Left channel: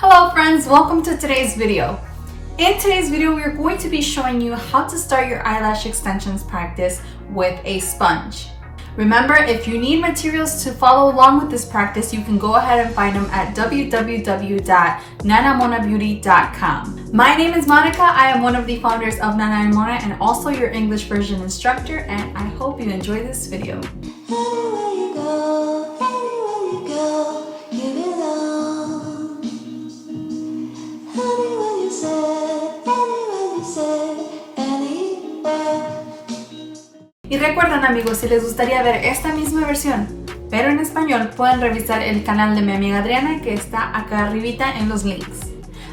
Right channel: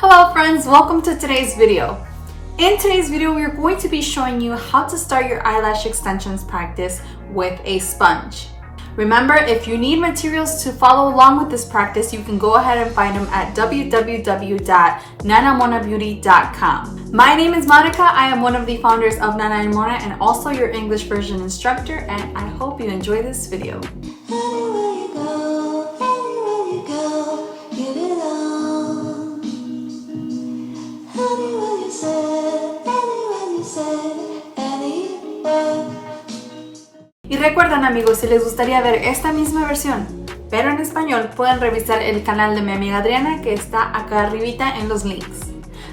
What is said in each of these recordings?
Hello friends, welcome to today's video. In today's video, we are going to be showing you how to start your eyelash extensions practice with a sponge. Remember, if you need materials to follow along with this practice, you can go ahead and find them at www.nanamonabeauty.com. My name is Monica. I am one of the founders of Nana and Mona and also your English version instructor, and I hope you enjoy this video. Anywhere you go, you belong. Anywhere you say, anywhere. Y recuerden amigos, si les gustaría ver esta misma versión, pero en español, pueden revisar el canal de mi amiga Adriana que está acá arribita en los links.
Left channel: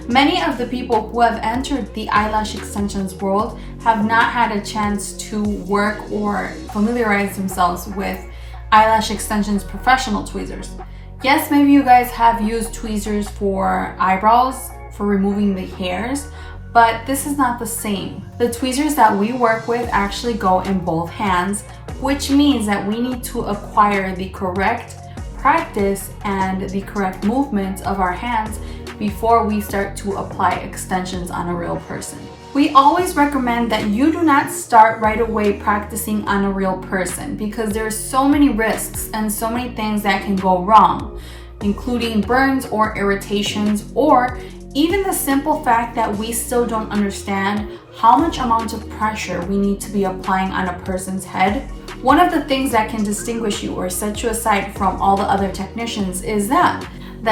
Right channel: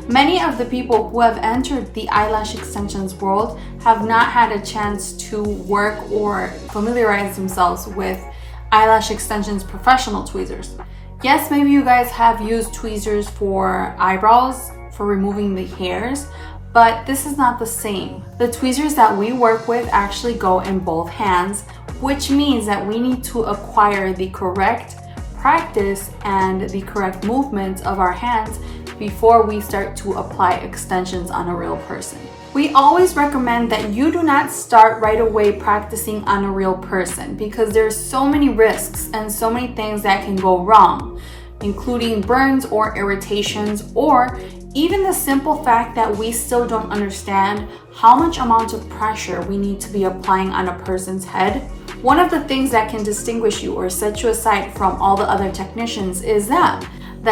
Many of the people who have entered the eyelash extensions world have not had a chance to work or familiarize themselves with eyelash extensions professional tweezers. Yes, maybe you guys have used tweezers for eyebrows, for removing the hairs, but this is not the same. The tweezers that we work with actually go in both hands, which means that we need to acquire the correct practice and the correct movements of our hands before we start to apply extensions on a real person. We always recommend that you do not start right away practicing on a real person because there's so many risks and so many things that can go wrong, including burns or irritations, or even the simple fact that we still don't understand how much amount of pressure we need to be applying on a person's head. One of the things that can distinguish you or set you aside from all the other technicians is that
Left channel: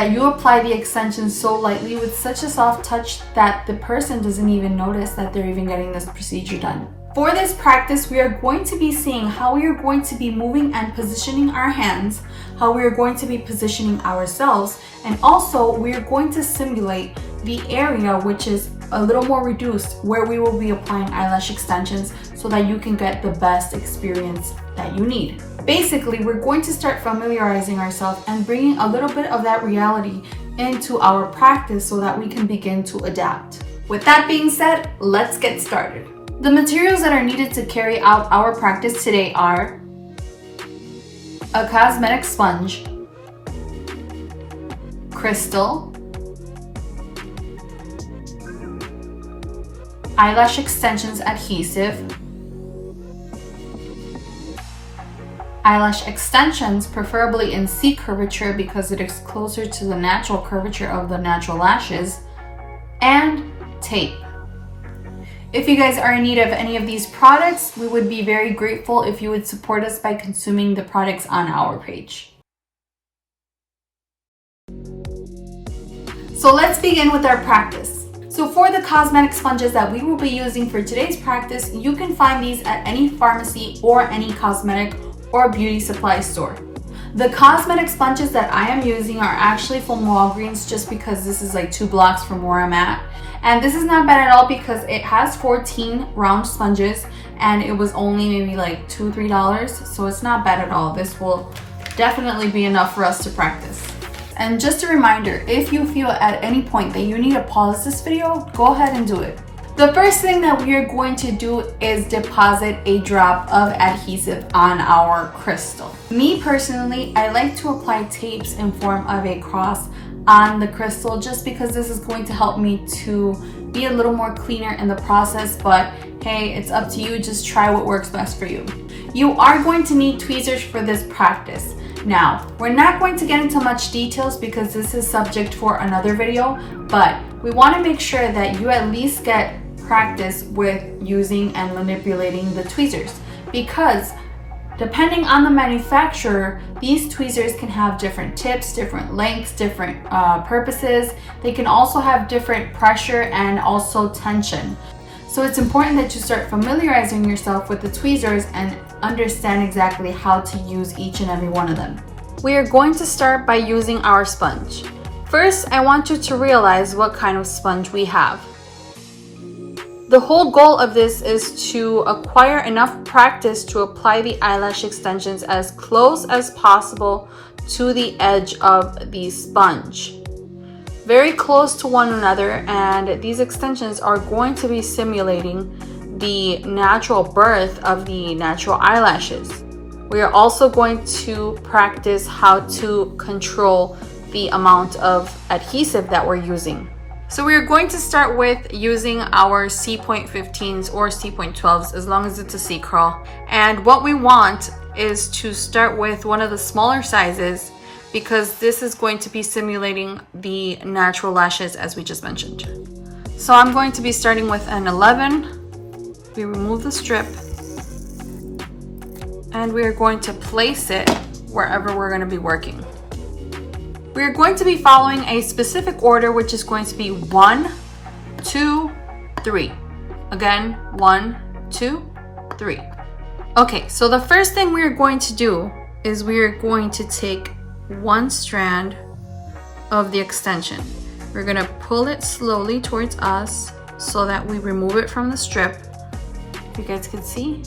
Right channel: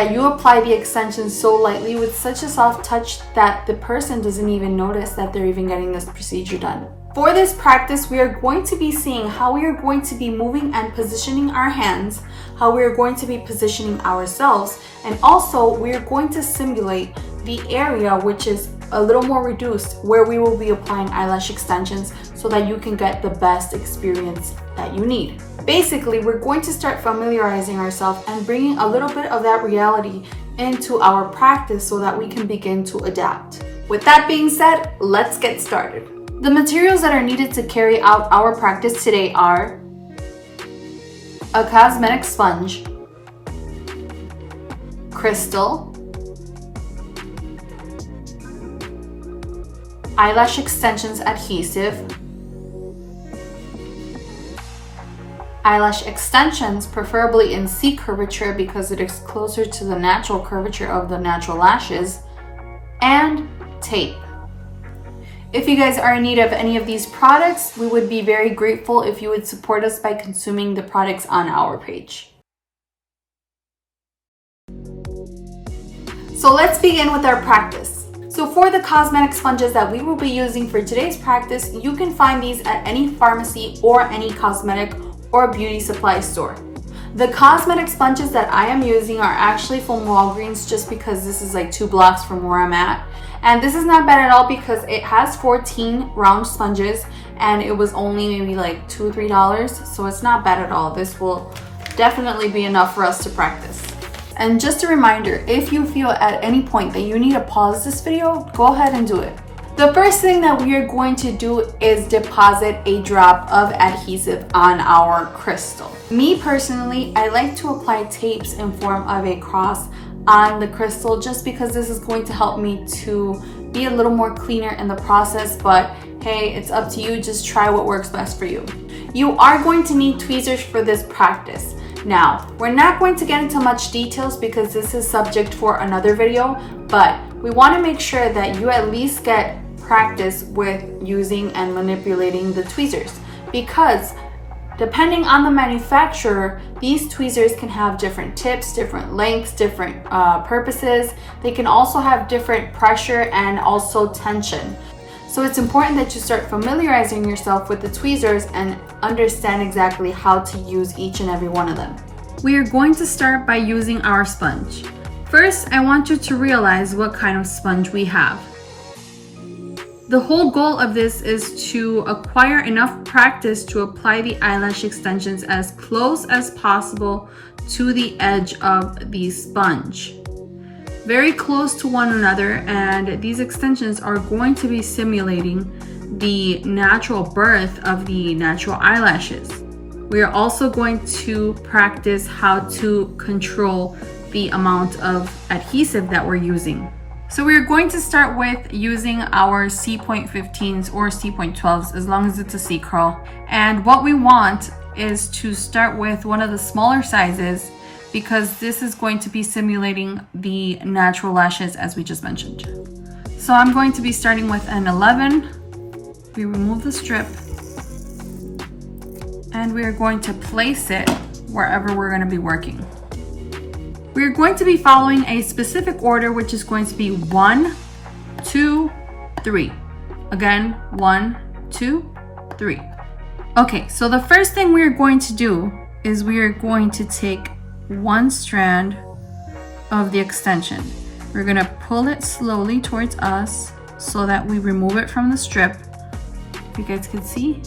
you apply the extensions so lightly with such a soft touch that the person doesn't even notice that they're even getting this procedure done. For this practice, we are going to be seeing how we are going to be moving and positioning our hands, how we are going to be positioning ourselves, and also we are going to simulate the area which is a little more reduced where we will be applying eyelash extensions so that you can get the best experience that you need. Basically, we're going to start familiarizing ourselves and bringing a little bit of that reality into our practice so that we can begin to adapt. With that being said, let's get started. The materials that are needed to carry out our practice today are a cosmetic sponge, crystal, eyelash extensions adhesive, eyelash extensions preferably in C curvature because it is closer to the natural curvature of the natural lashes, and tape. If you guys are in need of any of these products, we would be very grateful if you would support us by consuming the products on our page. So let's begin with our practice. So for the cosmetic sponges that we will be using for today's practice, you can find these at any pharmacy or any cosmetic or beauty supply store. The cosmetic sponges that I am using are actually from Walgreens just because this is like 2 blocks from where I'm at. And this is not bad at all because it has 14 round sponges and it was only maybe like $2 or $3. So it's not bad at all. This will definitely be enough for us to practice. And just a reminder, if you feel at any point that you need to pause this video, go ahead and do it. The first thing that we are going to do is deposit a drop of adhesive on our crystal. Me personally, I like to apply tapes in form of a cross on the crystal just because this is going to help me to be a little more cleaner in the process, but hey, it's up to you. Just try what works best for you. You are going to need tweezers for this practice. Now, we're not going to get into much details because this is subject for another video, but we want to make sure that you at least get practice with using and manipulating the tweezers because depending on the manufacturer, these tweezers can have different tips, different lengths, different purposes. They can also have different pressure and also tension. So it's important that you start familiarizing yourself with the tweezers and understand exactly how to use each and every one of them. We are going to start by using our sponge. First, I want you to realize what kind of sponge we have. The whole goal of this is to acquire enough practice to apply the eyelash extensions as close as possible to the edge of the sponge. Very close to one another, and these extensions are going to be simulating the natural birth of the natural eyelashes. We are also going to practice how to control the amount of adhesive that we're using. So we're going to start with using our C.15s or C.12s, as long as it's a C curl. And what we want is to start with one of the smaller sizes, because this is going to be simulating the natural lashes as we just mentioned. So I'm going to be starting with an 11. We remove the strip and we are going to place it wherever we're going to be working. We're going to be following a specific order, which is going to be 1, 2, 3. Again, 1, 2, 3. Okay, so the first thing we're going to do is we're going to take one strand of the extension. We're going to pull it slowly towards us so that we remove it from the strip. You guys can see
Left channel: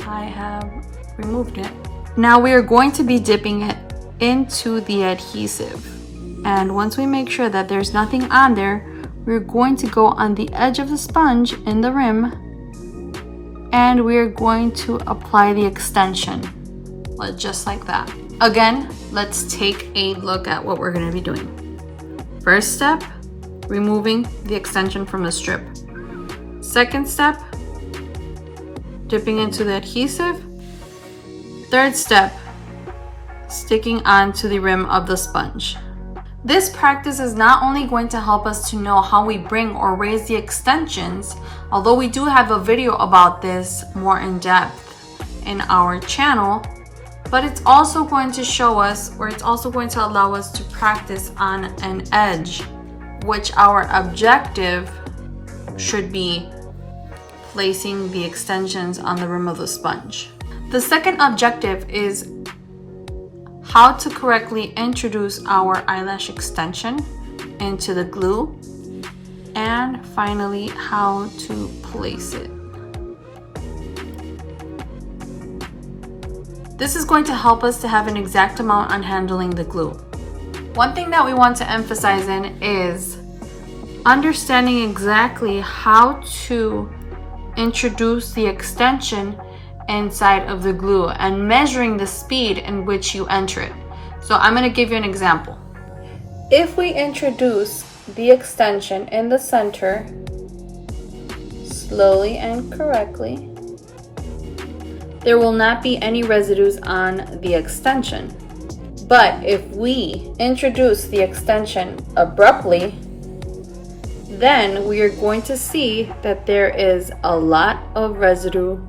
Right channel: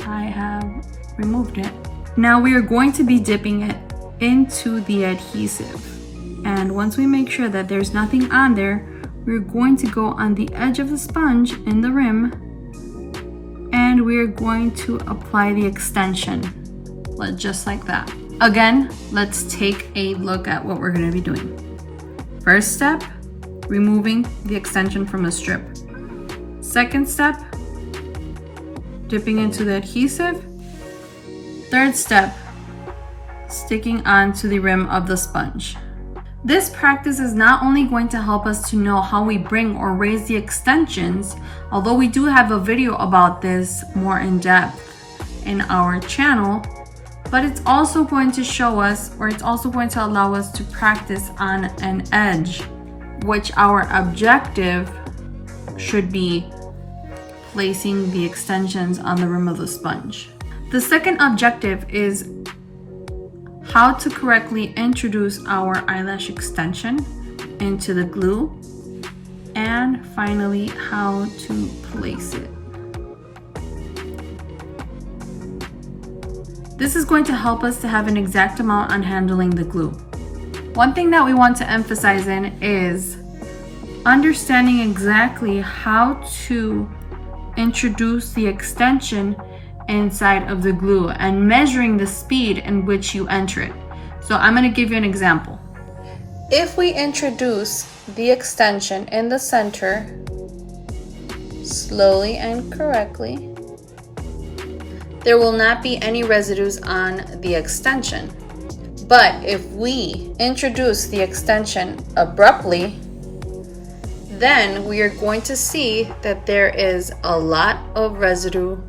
I have removed it. Now we are going to be dipping it into the adhesive, and once we make sure that there's nothing on there, we're going to go on the edge of the sponge in the rim and we're going to apply the extension just like that. Again, let's take a look at what we're going to be doing. First step, removing the extension from the strip. Second step, dipping into the adhesive. Third step, sticking onto the rim of the sponge. This practice is not only going to help us to know how we bring or raise the extensions, although we do have a video about this more in depth in our channel, but it's also going to show us, or it's also going to allow us to practice on an edge, which our objective should be placing the extensions on the rim of the sponge. The second objective is how to correctly introduce our eyelash extension into the glue, and finally how to place it. This is going to help us to have an exact amount on handling the glue. One thing that we want to emphasize in is understanding exactly how to introduce the extension inside of the glue and measuring the speed in which you enter it. So I'm going to give you an example. If we introduce the extension in the center slowly and correctly, there will not be any residues on the extension. But if we introduce the extension abruptly, then we are going to see that there is a lot of residue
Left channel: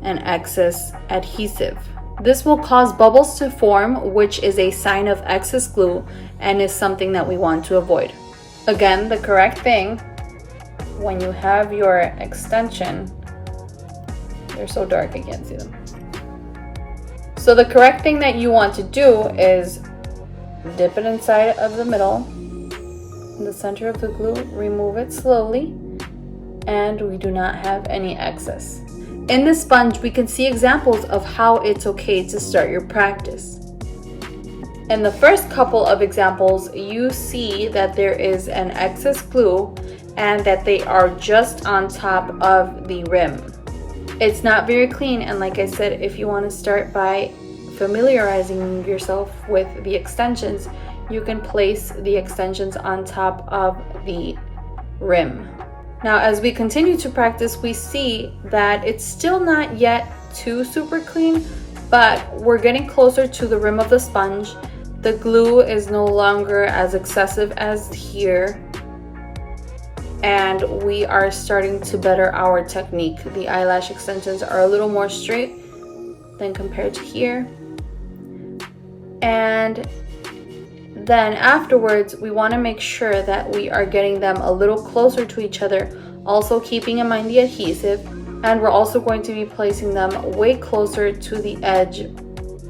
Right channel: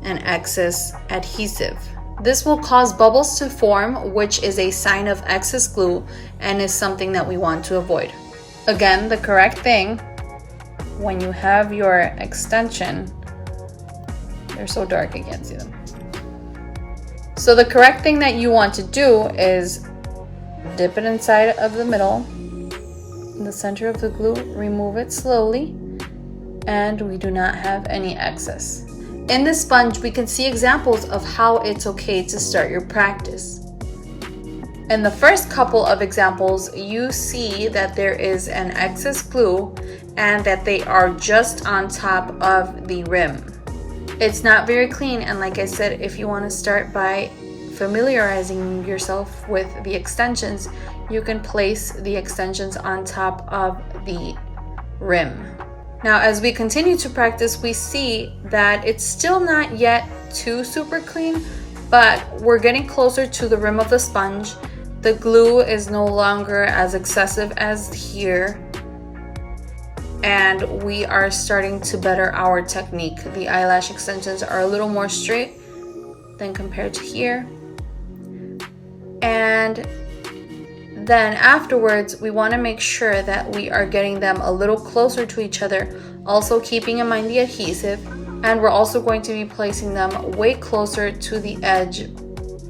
and excess adhesive. This will cause bubbles to form, which is a sign of excess glue and is something that we want to avoid. Again, the correct thing when you have your extension, they're so dark I can't see them. So the correct thing that you want to do is dip it inside of the middle, in the center of the glue, remove it slowly, and we do not have any excess. In this sponge, we can see examples of how it's okay to start your practice. In the first couple of examples, you see that there is an excess glue and that they are just on top of the rim. It's not very clean, and like I said, if you want to start by familiarizing yourself with the extensions, you can place the extensions on top of the rim. Now, as we continue to practice, we see that it's still not yet too super clean, but we're getting closer to the rim of the sponge. The glue is no longer as excessive as here, and we are starting to better our technique. The eyelash extensions are a little more straight than compared to here. And then afterwards, we want to make sure that we are getting them a little closer to each other, also keeping in mind the adhesive, and we're also going to be placing them way closer to the edge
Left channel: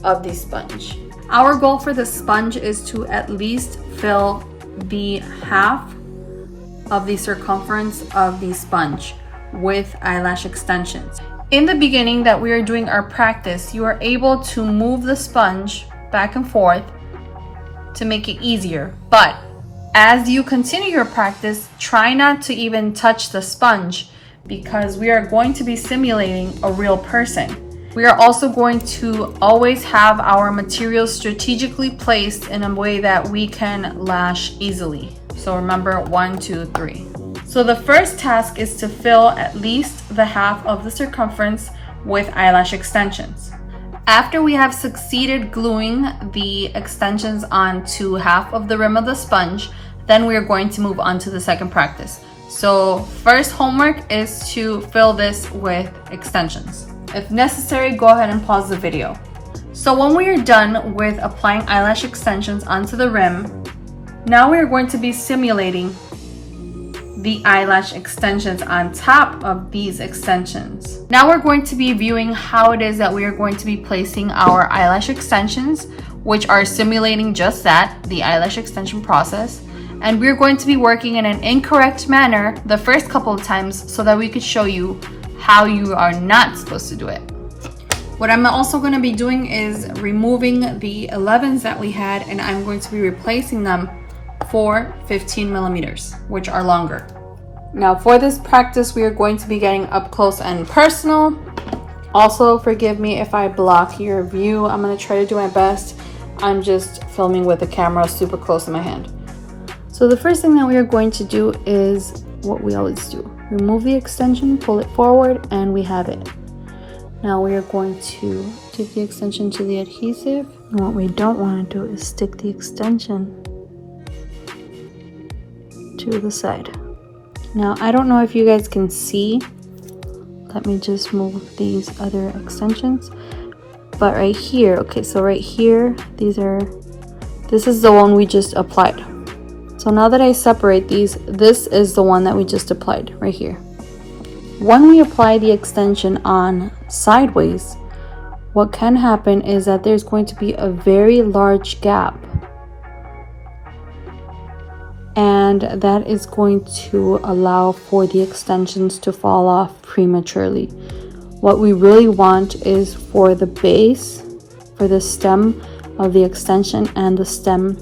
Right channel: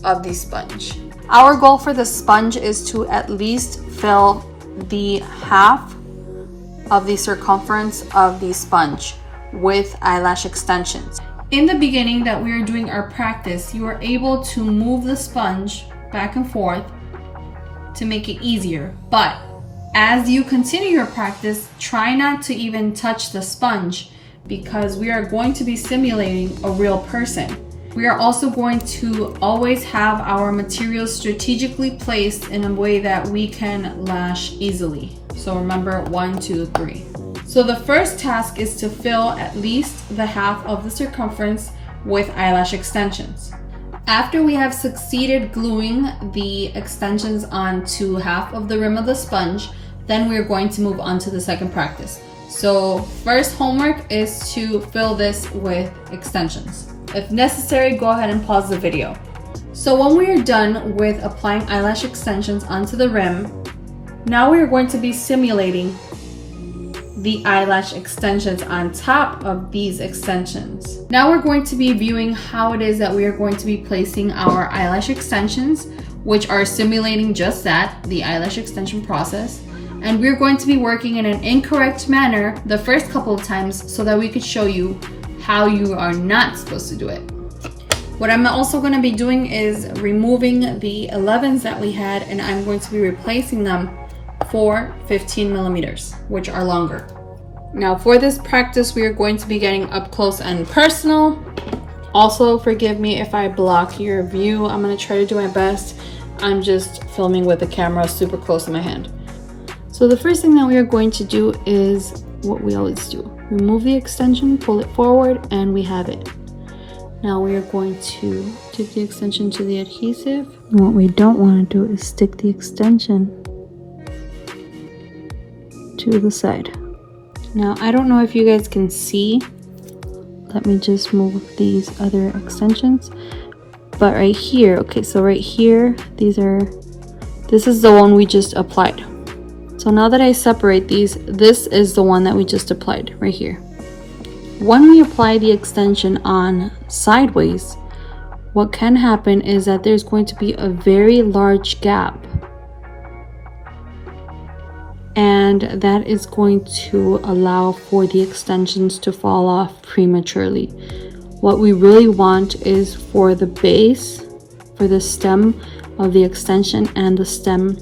of the sponge. Our goal for the sponge is to at least fill the half of the circumference of the sponge with eyelash extensions. In the beginning that we are doing our practice, you are able to move the sponge back and forth to make it easier, but as you continue your practice, try not to even touch the sponge, because we are going to be simulating a real person. We are also going to always have our materials strategically placed in a way that we can lash easily. So remember 1, 2, 3. So the first task is to fill at least the half of the circumference with eyelash extensions. After we have succeeded gluing the extensions onto half of the rim of the sponge, then we are going to move on to the second practice. So first homework is to fill this with extensions. If necessary, go ahead and pause the video. So when we are done with applying eyelash extensions onto the rim, now we are going to be simulating the eyelash extensions on top of these extensions. Now we're going to be viewing how it is that we are going to be placing our eyelash extensions, which are simulating just that, the eyelash extension process. And we're going to be working in an incorrect manner the first couple of times so that we could show you how you are not supposed to do it. What I'm also going to be doing is removing the 11s that we had, and I'm going to be replacing them for 15 millimeters, which are longer. Now for this practice, we are going to be getting up close and personal. Also, forgive me if I block your view. I'm going to try to do my best. I'm just filming with the camera super close in my hand. So the first thing that we are going to do is what we always do. Remove the extension, pull it forward, and we have it. Now we are going to dip the extension to the adhesive. And what we don't want to do is stick the extension to the side. Now I don't know if you guys can see. Let me just move these other extensions. But right here, okay, so right here, this is the one we just applied. So now that I separate these, this is the one that we just applied right here. When we apply the extension on sideways, what can happen is that there's going to be a very large gap. And that is going to allow for the extensions to fall off prematurely. What we really want is for the base, for the stem of the extension and the stem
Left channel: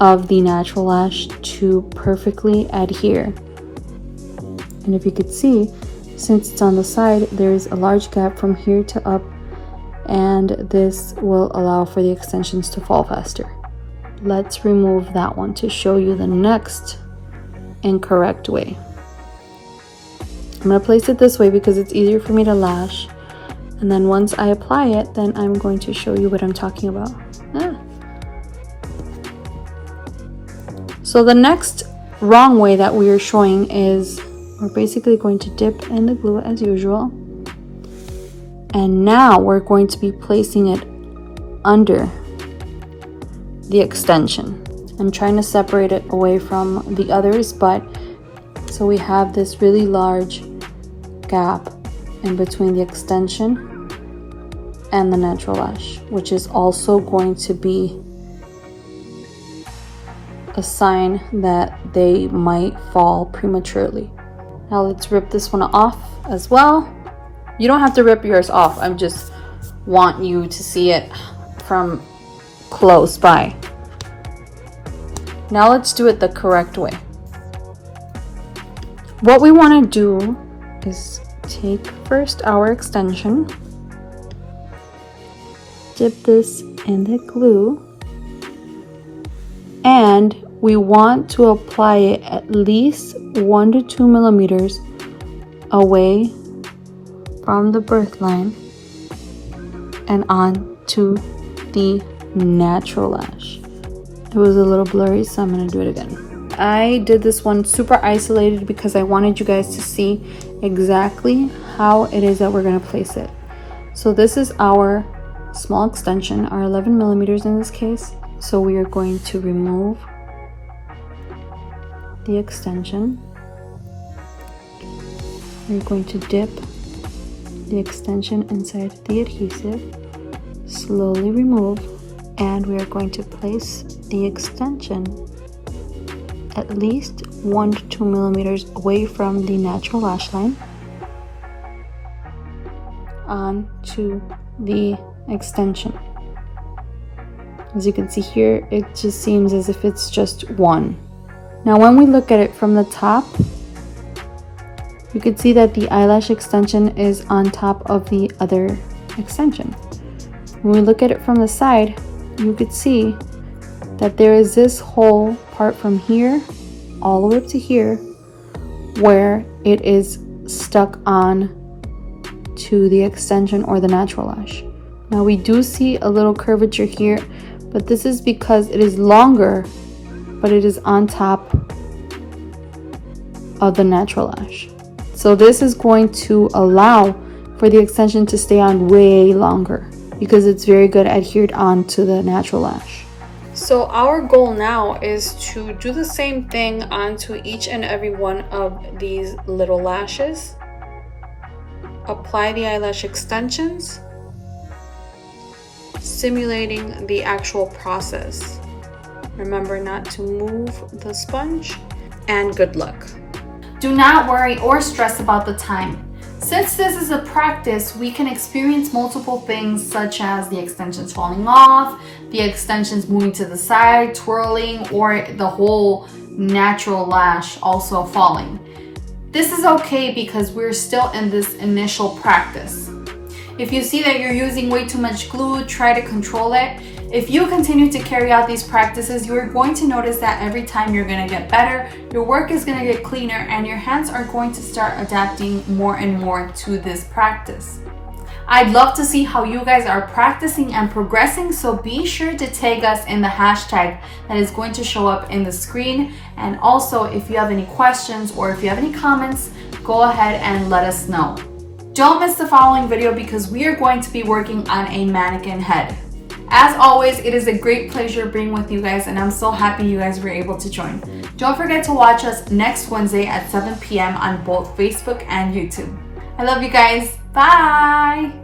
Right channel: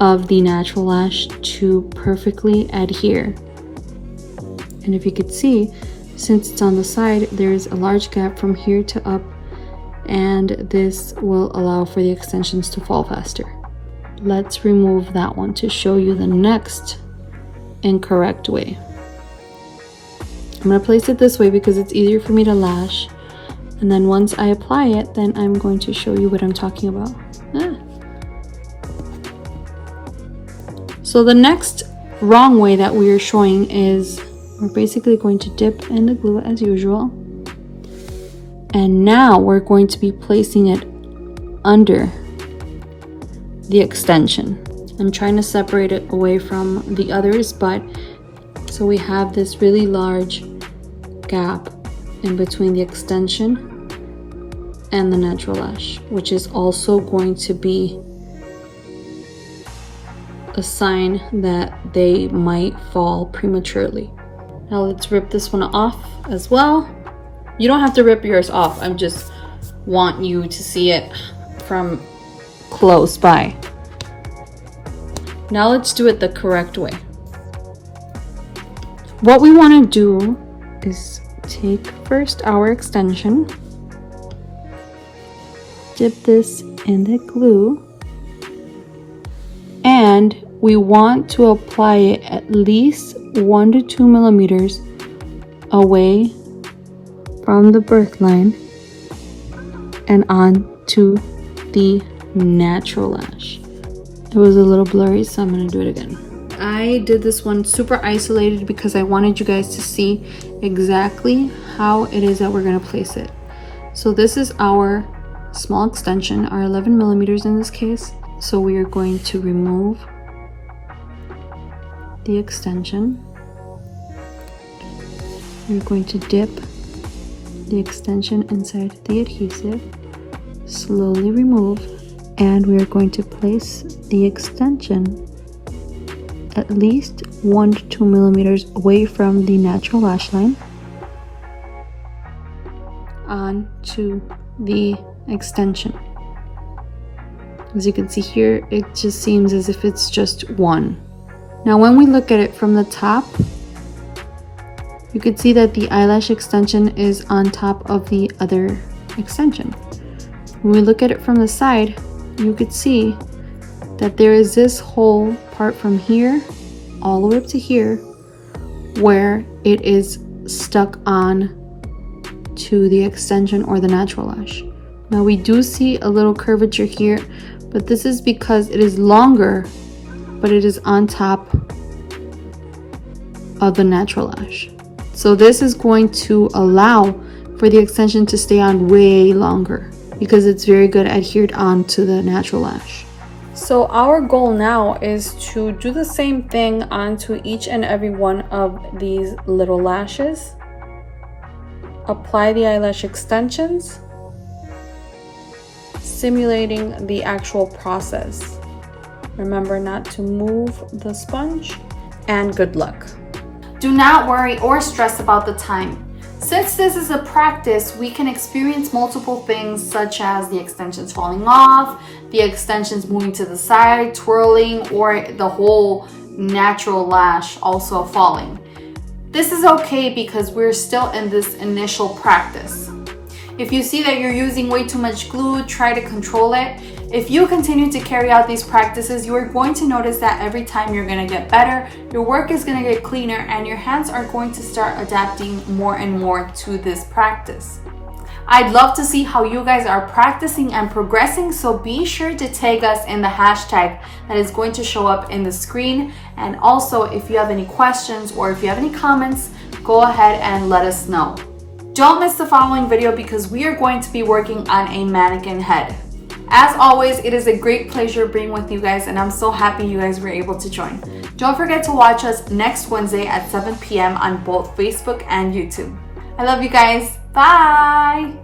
of the natural lash to perfectly adhere. And if you could see, since it's on the side, there's a large gap from here to up, and this will allow for the extensions to fall faster. Let's remove that one to show you the next incorrect way. I'm going to place it this way because it's easier for me to lash, and then once I apply it, then I'm going to show you what I'm talking about. So the next wrong way that we are showing is we're basically going to dip in the glue as usual, and now we're going to be placing it under the extension. I'm trying to separate it away from the others, but so we have this really large gap in between the extension and the natural lash, which is also going to be a sign that they might fall prematurely. Now let's rip this one off as well. You don't have to rip yours off. I just want you to see it from close by. Now let's do it the correct way. What we want to do is take first our extension, dip this in the glue, and we want to apply it at least 1 to 2 millimeters away from the birth line and onto the natural lash. It was a little blurry, so I'm going to do it again. I did this one super isolated because I wanted you guys to see exactly how it is that we're going to place it. So this is our small extension, our 11 millimeters in this case. So we are going to remove the extension. We're going to dip the extension inside the adhesive, slowly remove, and we are going to place the extension at least 1 to 2 millimeters away from the natural lash line onto the extension. As you can see here, it just seems as if it's just one. Now when we look at it from the top, you can see that the eyelash extension is on top of the other extension. When we look at it from the side, you could see that there is this whole part from here all the way up to here where it is stuck on to the extension or the natural lash. Now we do see a little curvature here, but this is because it is longer, but it is on top of the natural lash. So this is going to allow for the extension to stay on way longer because it's very good adhered on to the natural lash. So our goal now is to do the same thing onto each and every one of these little lashes. Apply the eyelash extensions, simulating the actual process. Remember not to move the sponge, and good luck. Do not worry or stress about the time. Since this is a practice, we can experience multiple things such as the extensions falling off, the extensions moving to the side, twirling, or the whole natural lash also falling. This is okay because we're still in this initial practice. If you see that you're using way too much glue, try to control it. If you continue to carry out these practices, you are going to notice that every time you're going to get better, your work is going to get cleaner, and your hands are going to start adapting more and more to this practice. I'd love to see how you guys are practicing and progressing, so be sure to tag us in the hashtag that is going to show up in the screen. And also, if you have any questions or if you have any comments, go ahead and let us know. Don't miss the following video because we are going to be working on a mannequin head. As always, it is a great pleasure being with you guys, and I'm so happy you guys were able to join. Don't forget to watch us next Wednesday at 7 p.m. on both Facebook and YouTube. I love you guys. Bye!